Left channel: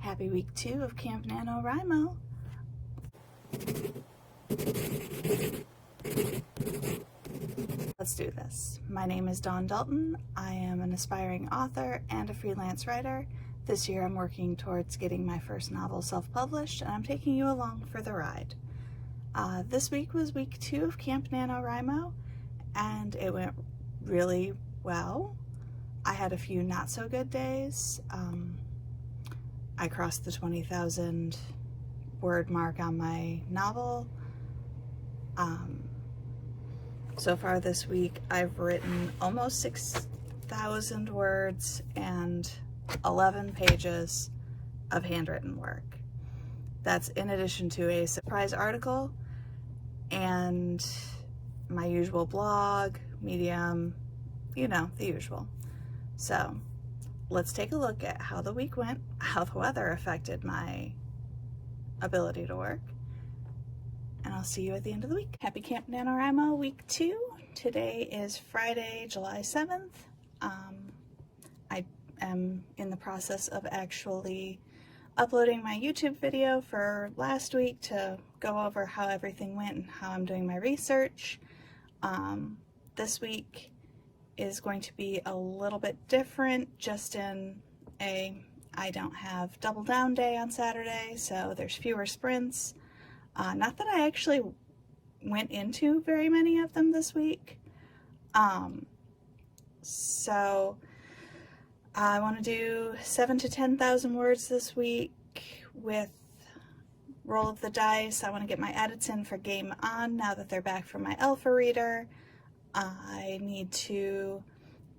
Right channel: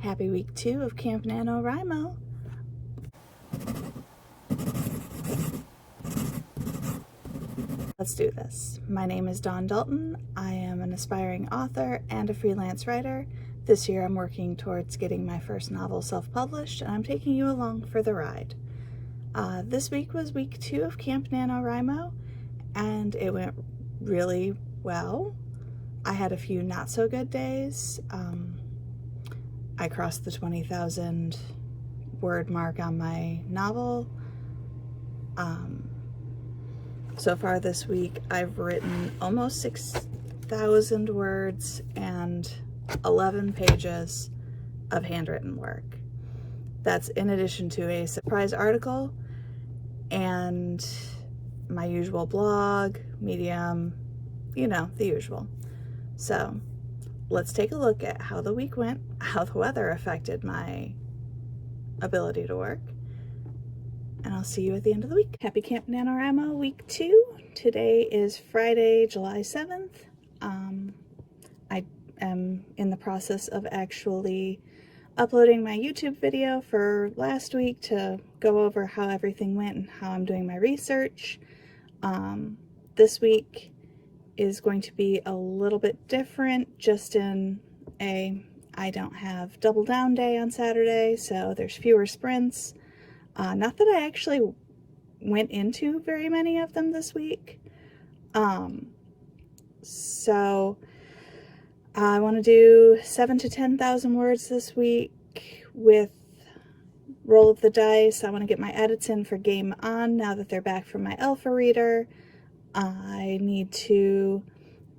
Happy week 2 of Camp NaNoWriMo. Let's do this. My name is Dawn Dalton. I am an aspiring author and a freelance writer. This year I'm working towards getting my first novel self-published, and I'm taking you along for the ride. This week was week 2 of Camp NaNoWriMo, and it went really well. I had a few not so good days. I crossed the 20,000 word mark on my novel. So far this week I've written almost 6,000 words and 11 pages of handwritten work. That's in addition to a surprise article and my usual blog, Medium, the usual. So let's take a look at how the week went, how the weather affected my ability to work, and I'll see you at the end of the week. Happy Camp NaNoWriMo week 2. Today is Friday, July 7th. I am in the process of actually uploading my YouTube video for last week to go over how everything went and how I'm doing my research. This week is going to be a little bit different, just in I don't have double down day on Saturday, so there's fewer sprints. Not that I actually went into very many of them this week. So I want to do 7,000 to 10,000 words this week with roll of the dice. I want to get my edits in for Game On now that they're back from my alpha reader. I need to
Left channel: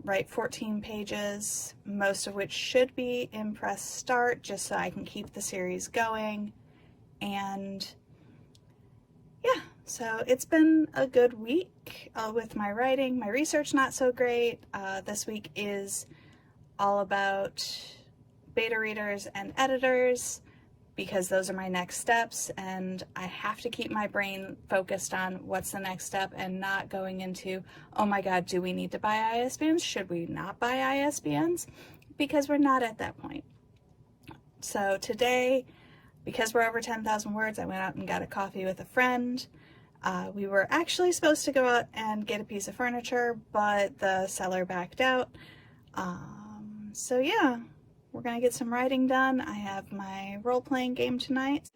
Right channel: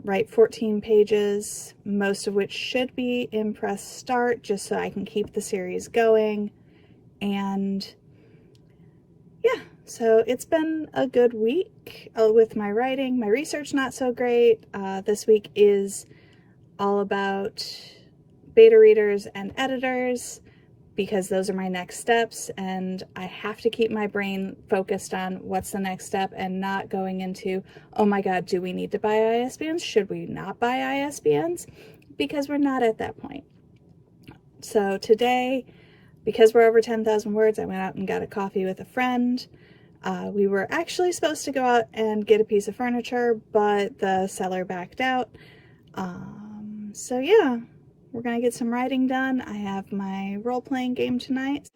write 14 pages, most of which should be in press start, just so I can keep the series going. And yeah, so it's been a good week with my writing. My research not so great. This week is all about beta readers and editors, because those are my next steps, and I have to keep my brain focused on what's the next step and not going into, oh my god, do we need to buy ISBNs? Should we not buy ISBNs? Because we're not at that point. So today, because we're over 10,000 words, I went out and got a coffee with a friend. We were actually supposed to go out and get a piece of furniture, but the seller backed out. So yeah, we're gonna get some writing done. I have my role-playing game tonight.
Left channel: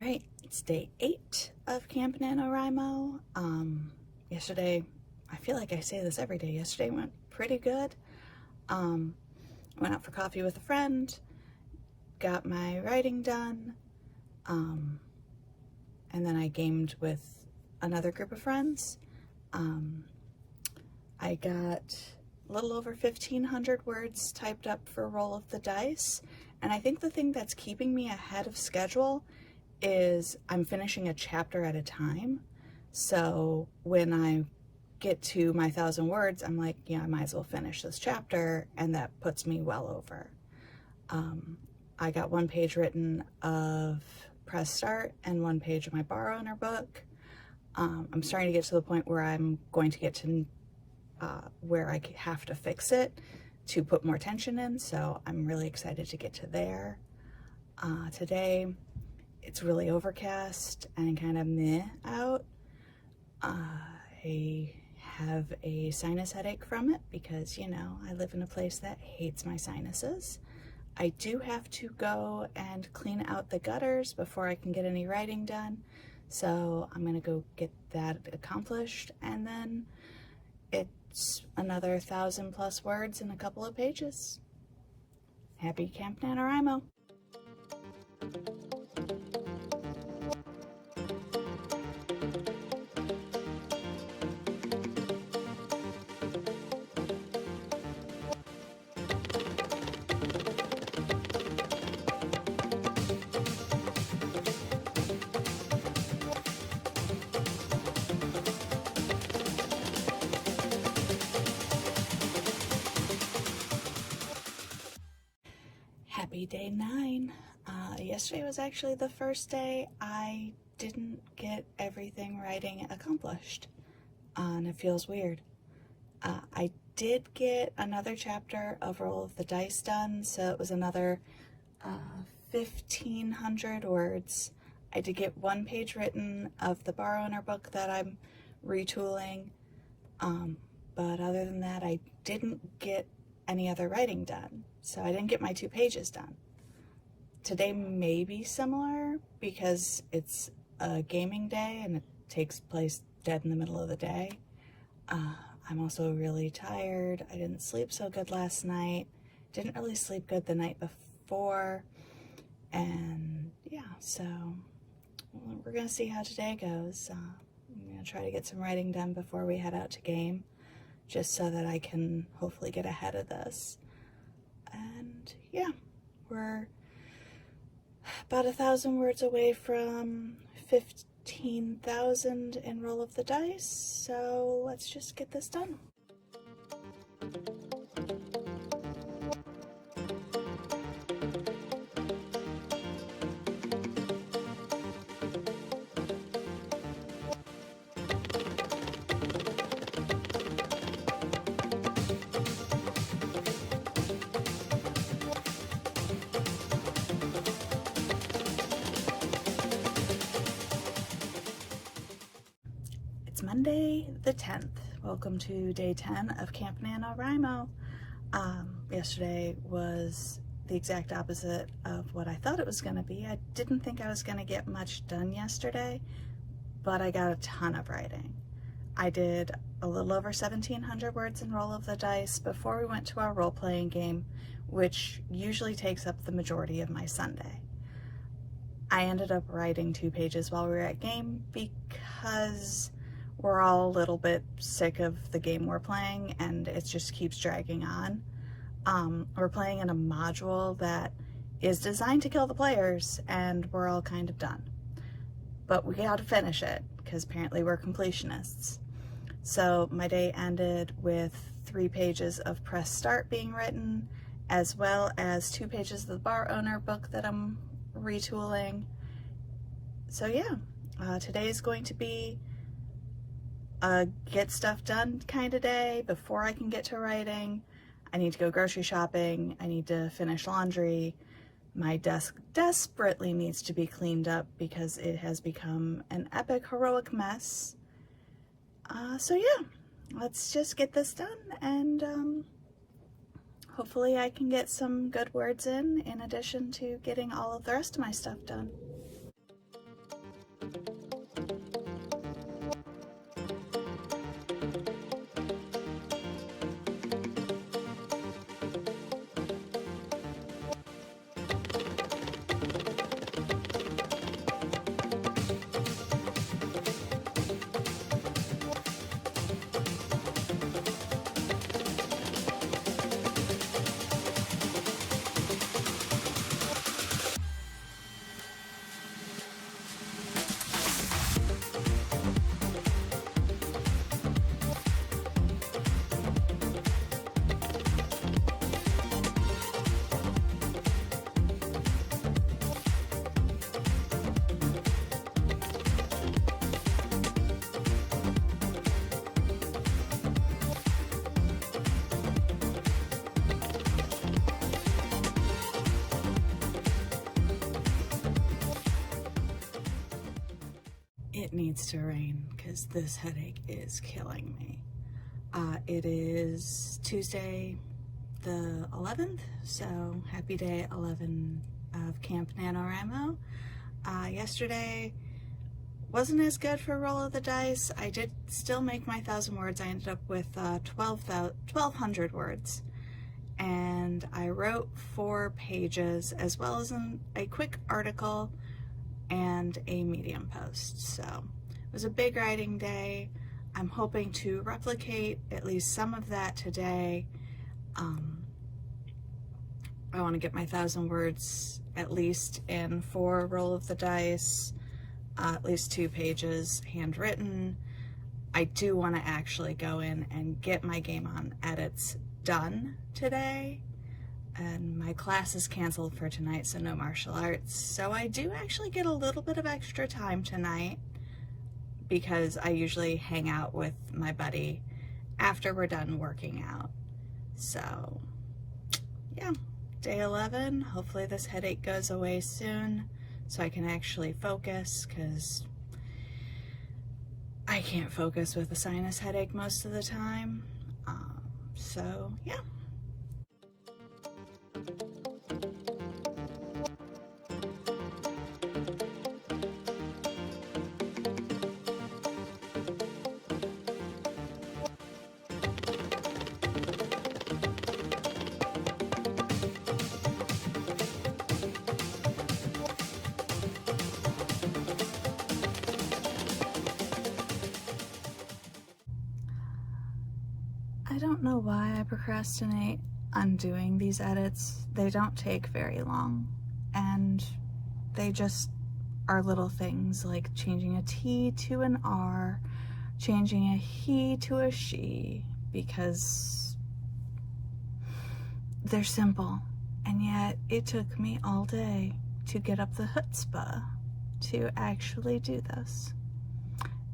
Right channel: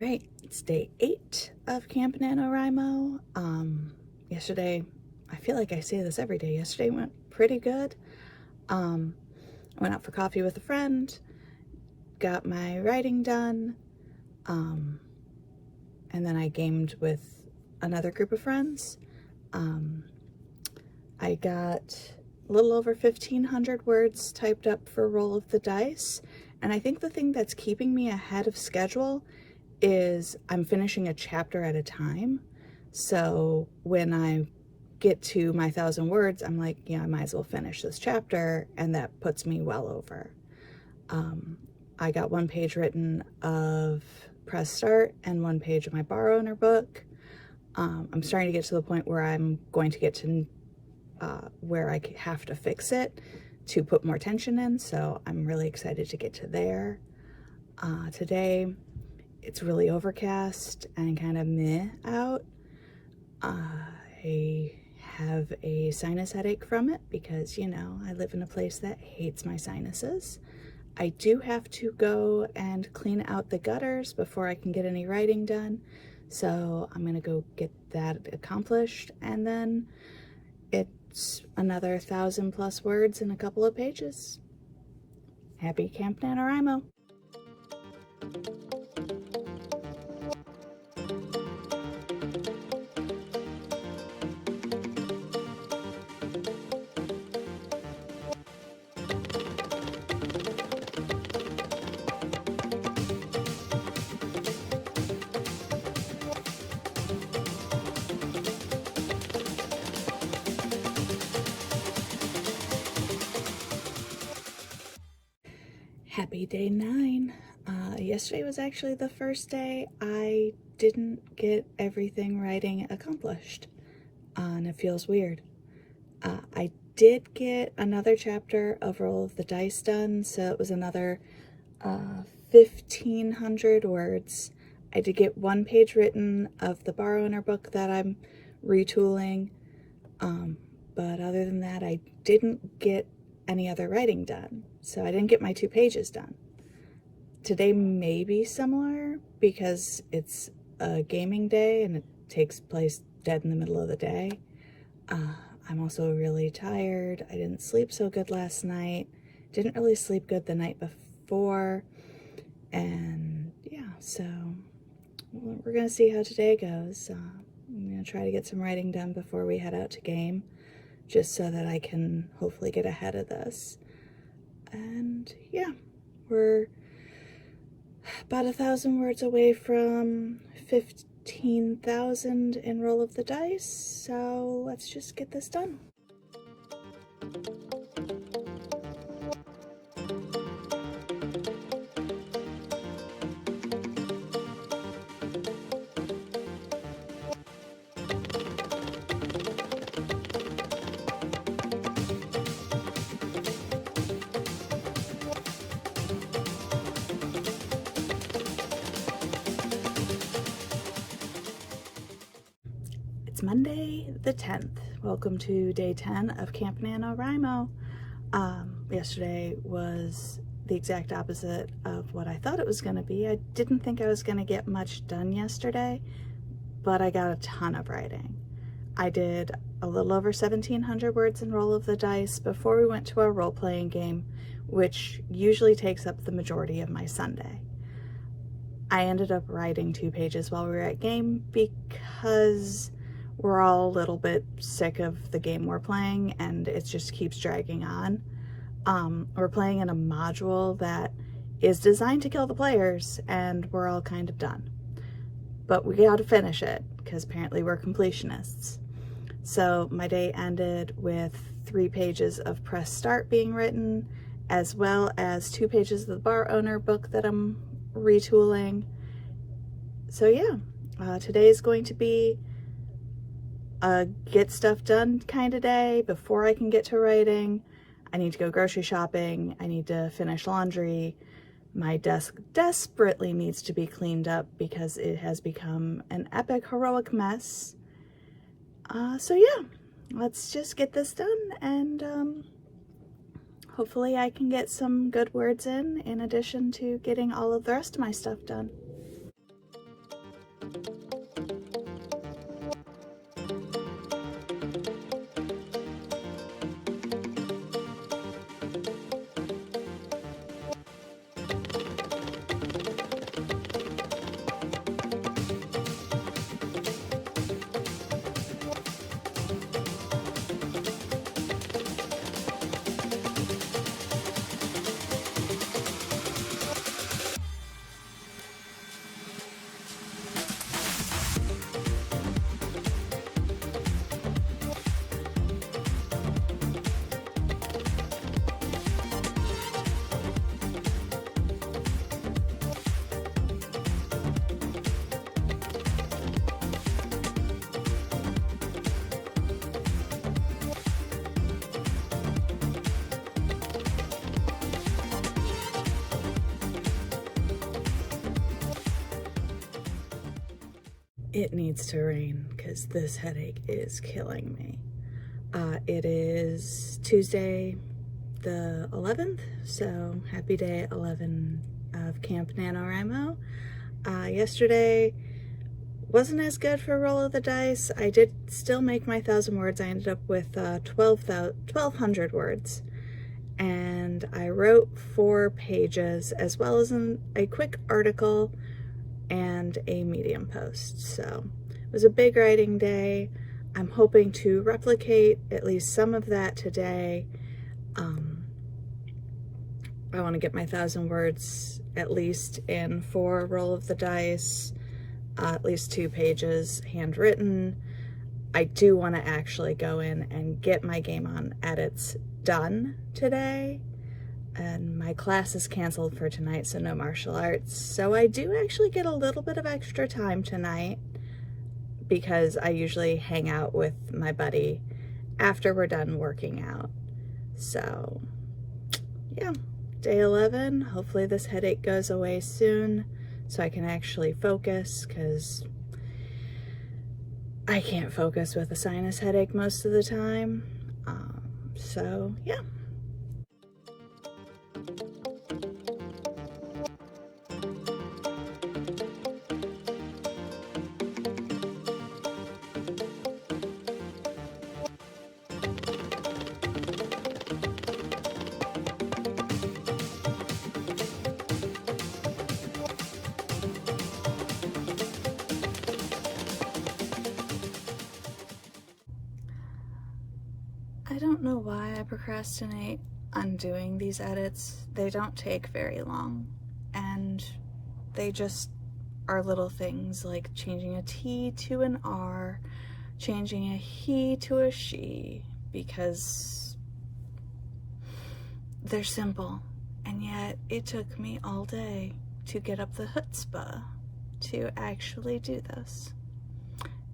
Right, it's day 8 of Camp NaNoWriMo. Yesterday, I feel like I say this every day, yesterday went pretty good. I went out for coffee with a friend, got my writing done, and then I gamed with another group of friends. I got a little over 1,500 words typed up for Roll of the Dice, and I think the thing that's keeping me ahead of schedule is I'm finishing a chapter at a time. So when I get to my 1,000 words, I'm like, I might as well finish this chapter, and that puts me well over. I got 1 page written of Press Start and 1 page of my Borrow Owner book. I'm starting to get to the point where I'm going to get to where I have to fix it to put more tension in, so I'm really excited to get to there. Today, it's really overcast and kind of meh out. I have a sinus headache from it because, I live in a place that hates my sinuses. I do have to go and clean out the gutters before I can get any writing done. So I'm gonna go get that accomplished, and then it's another 1,000+ words in a couple of pages. Happy Camp NaNoWriMo. Happy day 9. Yesterday was actually the first day I didn't get everything writing accomplished, and it feels weird. I did get another chapter of Roll of the Dice done, so it was another 1,500 words. I did get 1 page written of the bar owner book that I'm retooling, but other than that, I didn't get any other writing done, so I didn't get my 2 pages done. Today may be similar because it's a gaming day and it takes place dead in the middle of the day. I'm also really tired. I didn't sleep so good last night. Didn't really sleep good the night before. And yeah, so we're gonna see how today goes. I'm gonna try to get some writing done before we head out to game, just so that I can hopefully get ahead of this. And yeah, we're about 1,000 words away from 15,000 in Roll of the Dice, so let's just get this done. Monday the 10th. Welcome to day 10 of Camp NaNoWriMo. Yesterday was the exact opposite of what I thought it was going to be. I didn't think I was going to get much done yesterday, but I got a ton of writing. I did a little over 1,700 words in Roll of the Dice before we went to our role-playing game, which usually takes up the majority of my Sunday. I ended up writing 2 pages while we were at game because we're all a little bit sick of the game we're playing and it just keeps dragging on. We're playing in a module that is designed to kill the players and we're all kind of done. But we gotta finish it because apparently we're completionists. So my day ended with 3 pages of press start being written, as well as 2 pages of the bar owner book that I'm retooling. So yeah, today is going to be a get stuff done kind of day before I can get to writing. I need to go grocery shopping. I need to finish laundry. My desk desperately needs to be cleaned up because it has become an epic, heroic mess. So yeah, let's just get this done and hopefully I can get some good words in addition to getting all of the rest of my stuff done. It needs to rain because this headache is killing me. It is Tuesday the 11th, so happy day 11 of Camp NaNoWriMo. Yesterday wasn't as good for Roll of the Dice. I did still make my 1,000 words. I ended up with 1,200 words, and I wrote 4 pages as well as a quick article and a Medium post. So it was a big writing day. I'm hoping to replicate at least some of that today. I want to get my 1,000 words at least in for Roll of the Dice, at least 2 pages handwritten. I do want to actually go in and get my Game On edits done today, and my my class is canceled for tonight, so no martial arts. So I do actually get a little bit of extra time tonight because I usually hang out with my buddy after we're done working out. So yeah, day 11. Hopefully this headache goes away soon so I can actually focus, because I can't focus with a sinus headache most of the time. So yeah. I don't know why I procrastinate on doing these edits. They don't take very long, and they just are little things like changing a T to an R, changing a he to a she, because they're simple. And yet it took me all day to get up the chutzpah to actually do this.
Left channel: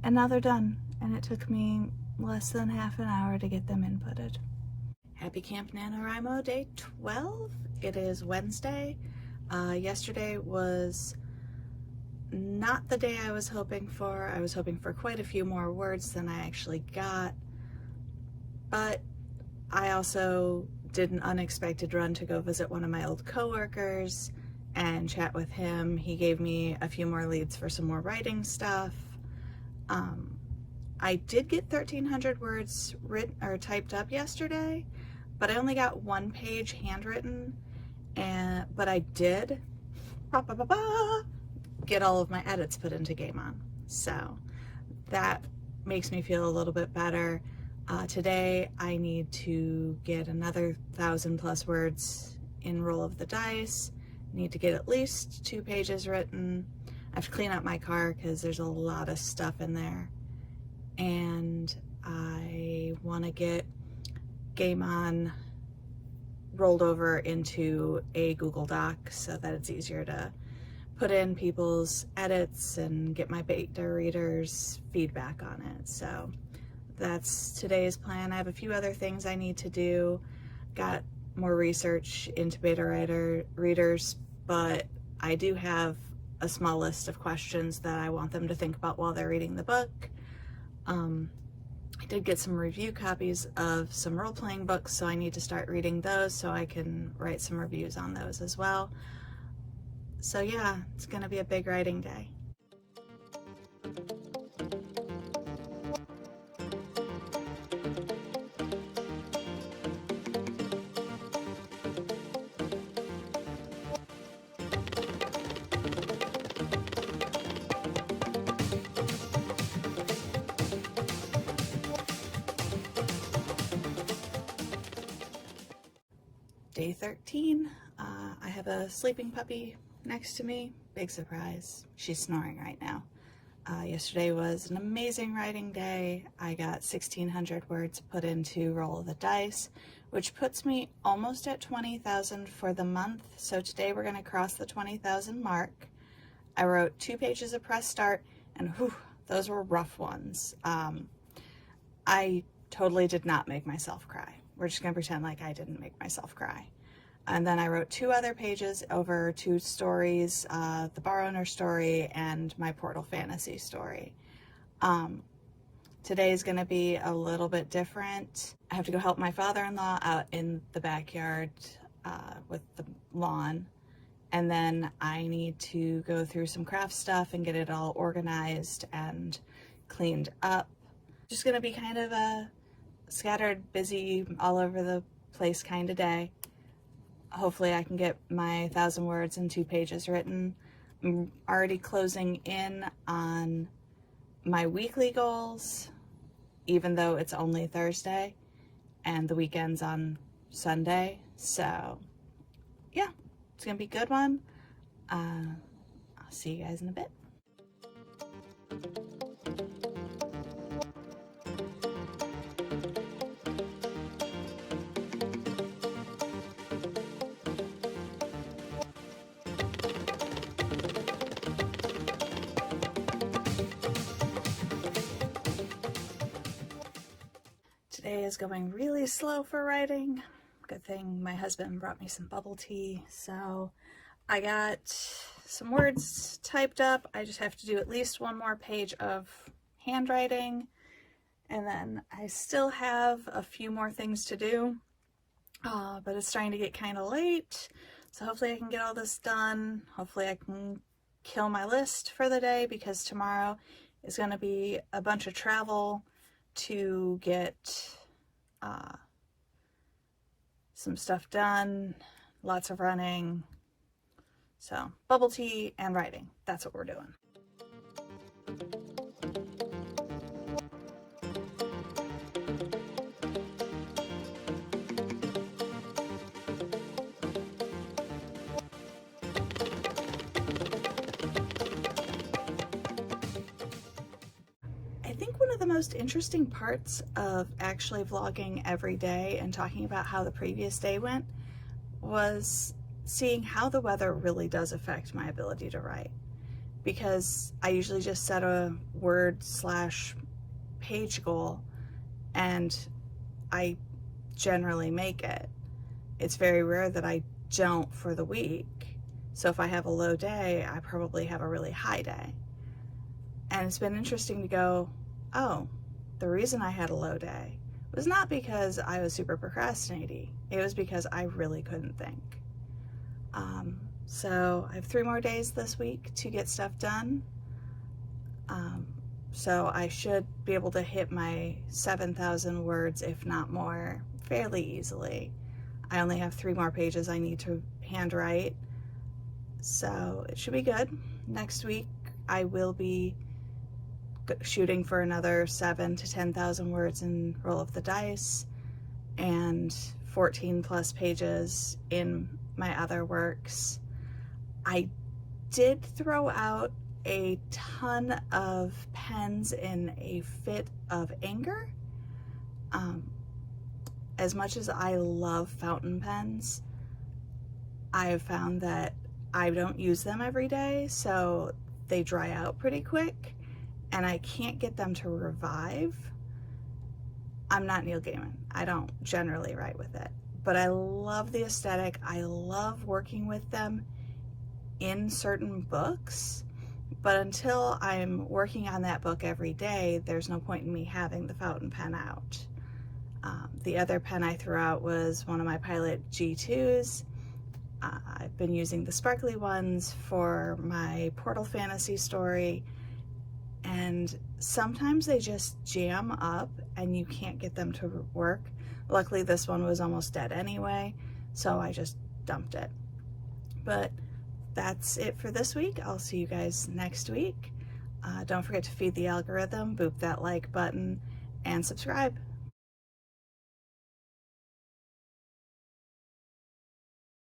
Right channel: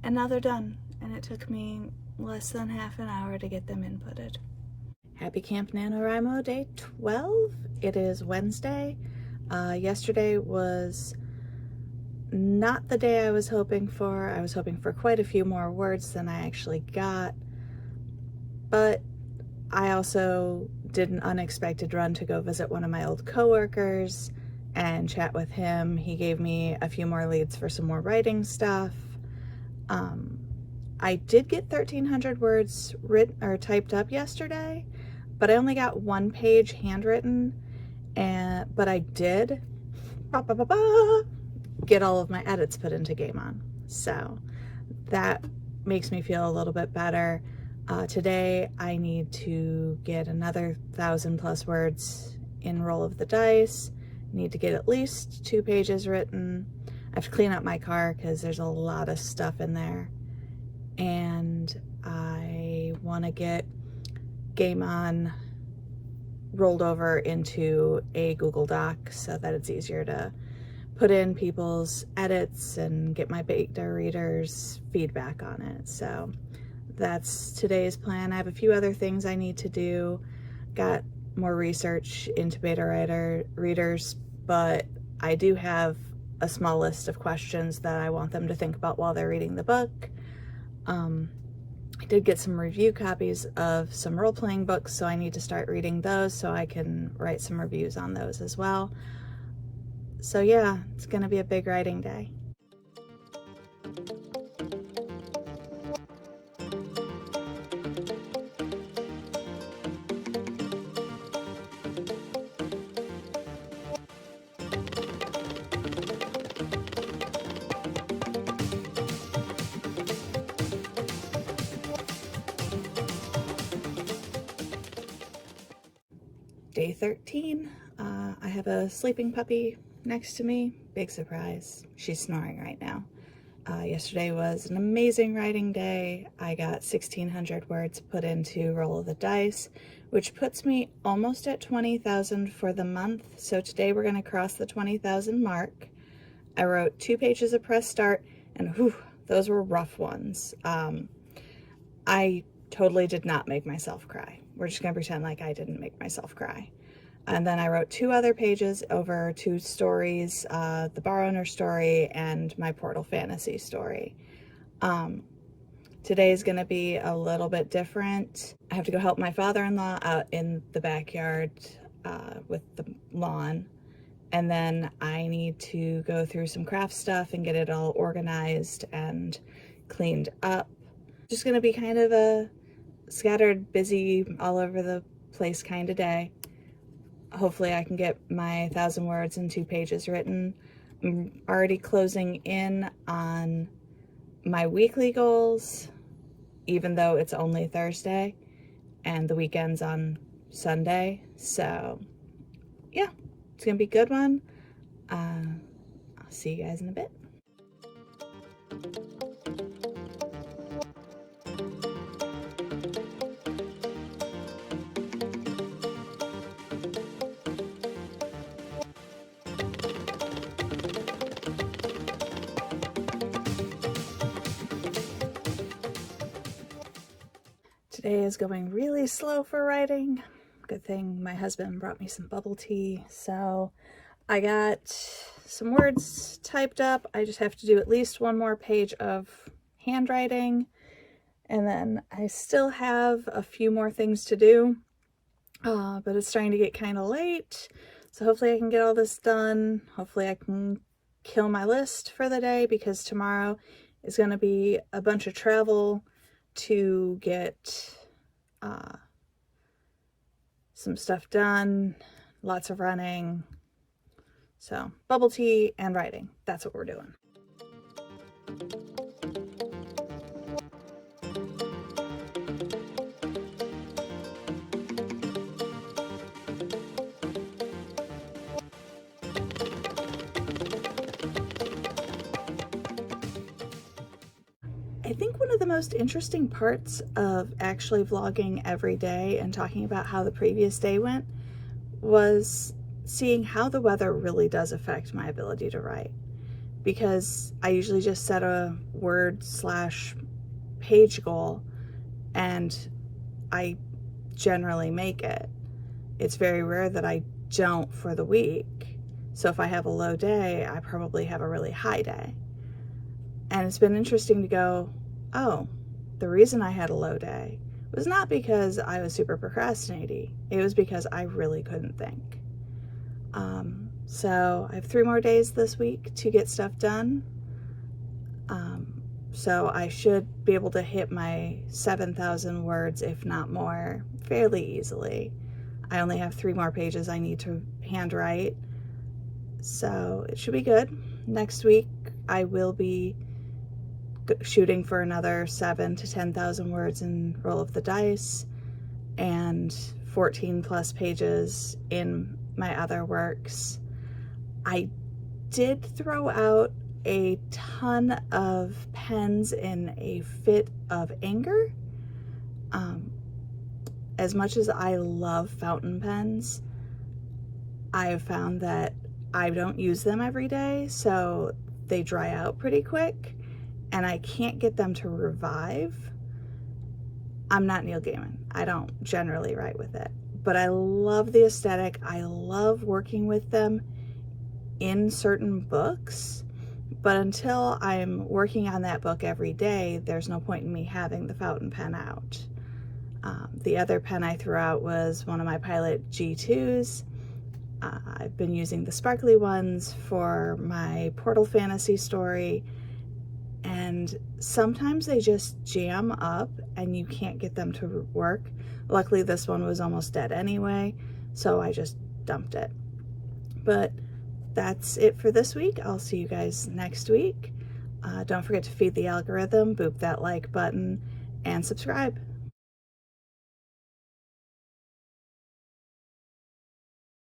And now they're done, and it took me less than half an hour to get them inputted. Happy Camp NaNoWriMo Day 12. It is Wednesday. Yesterday was not the day I was hoping for. I was hoping for quite a few more words than I actually got, but I also did an unexpected run to go visit one of my old coworkers and chat with him. He gave me a few more leads for some more writing stuff. I did get 1,300 words written or typed up yesterday, but I only got 1 page handwritten, but I did get all of my edits put into Game On. So that makes me feel a little bit better. Today I need to get another 1,000+ words in Roll of the Dice. Need to get at least 2 pages written. I have to clean up my car because there's a lot of stuff in there. And I want to get Game On rolled over into a Google Doc so that it's easier to put in people's edits and get my beta readers' feedback on it. So that's today's plan. I have a few other things I need to do. Got more research into beta readers, but I do have a small list of questions that I want them to think about while they're reading the book. I did get some review copies of some role-playing books, so I need to start reading those so I can write some reviews on those as well. So yeah, it's gonna be a big writing day. Day 13, I have a sleeping puppy next to me. Big surprise. She's snoring right now. Yesterday was an amazing writing day. I got 1,600 words put into Roll of the Dice, which puts me almost at 20,000 for the month. So today we're going to cross the 20,000 mark. I wrote 2 pages of press start, and whew, those were rough ones. I totally did not make myself cry. We're just gonna pretend like I didn't make myself cry. And then I wrote 2 other pages over 2 stories, the Bar Owner story and my Portal Fantasy story. Today is gonna be a little bit different. I have to go help my father-in-law out in the backyard with the lawn. And then I need to go through some craft stuff and get it all organized and cleaned up. Just gonna be kind of a scattered, busy, all over the place kind of day. Hopefully I can get my 1,000 words and 2 pages written. I'm already closing in on my weekly goals, even though it's only Thursday and the weekend's on Sunday. So yeah, it's gonna be a good one. I'll see you guys in a bit. Today is going really slow for writing. Good thing my husband brought me some bubble tea. So I got some words typed up. I just have to do at least one more page of handwriting. And then I still have a few more things to do, but it's starting to get kind of late. So hopefully I can get all this done. Hopefully I can kill my list for the day, because tomorrow is going to be a bunch of travel to get some stuff done, lots of running. So bubble tea and writing, that's what we're doing. I think one of the most interesting parts of actually vlogging every day and talking about how the previous day went was seeing how the weather really does affect my ability to write. Because I usually just set a word/page goal and I generally make it. It's very rare that I don't for the week. So if I have a low day, I probably have a really high day. And it's been interesting to go, oh, the reason I had a low day was not because I was super procrastinating. It was because I really couldn't think. So I have 3 more days this week to get stuff done. So I should be able to hit my 7,000 words, if not more, fairly easily. I only have 3 more pages I need to handwrite. So it should be good. Next week I will be shooting for another 7,000 to 10,000 words in Roll of the Dice, and 14 plus pages in my other works. I did throw out a ton of pens in a fit of anger. As much as I love fountain pens, I have found that I don't use them every day, so they dry out pretty quick and I can't get them to revive. I'm not Neil Gaiman. I don't generally write with it, but I love the aesthetic. I love working with them in certain books, but until I'm working on that book every day, there's no point in me having the fountain pen out. The other pen I threw out was one of my Pilot G2s. I've been using the sparkly ones for my Portal Fantasy story, and sometimes they just jam up and you can't get them to work. Luckily this one was almost dead anyway, so I just dumped it. But that's it for this week. I'll see you guys next week. Don't forget to feed the algorithm, boop that like button, and subscribe.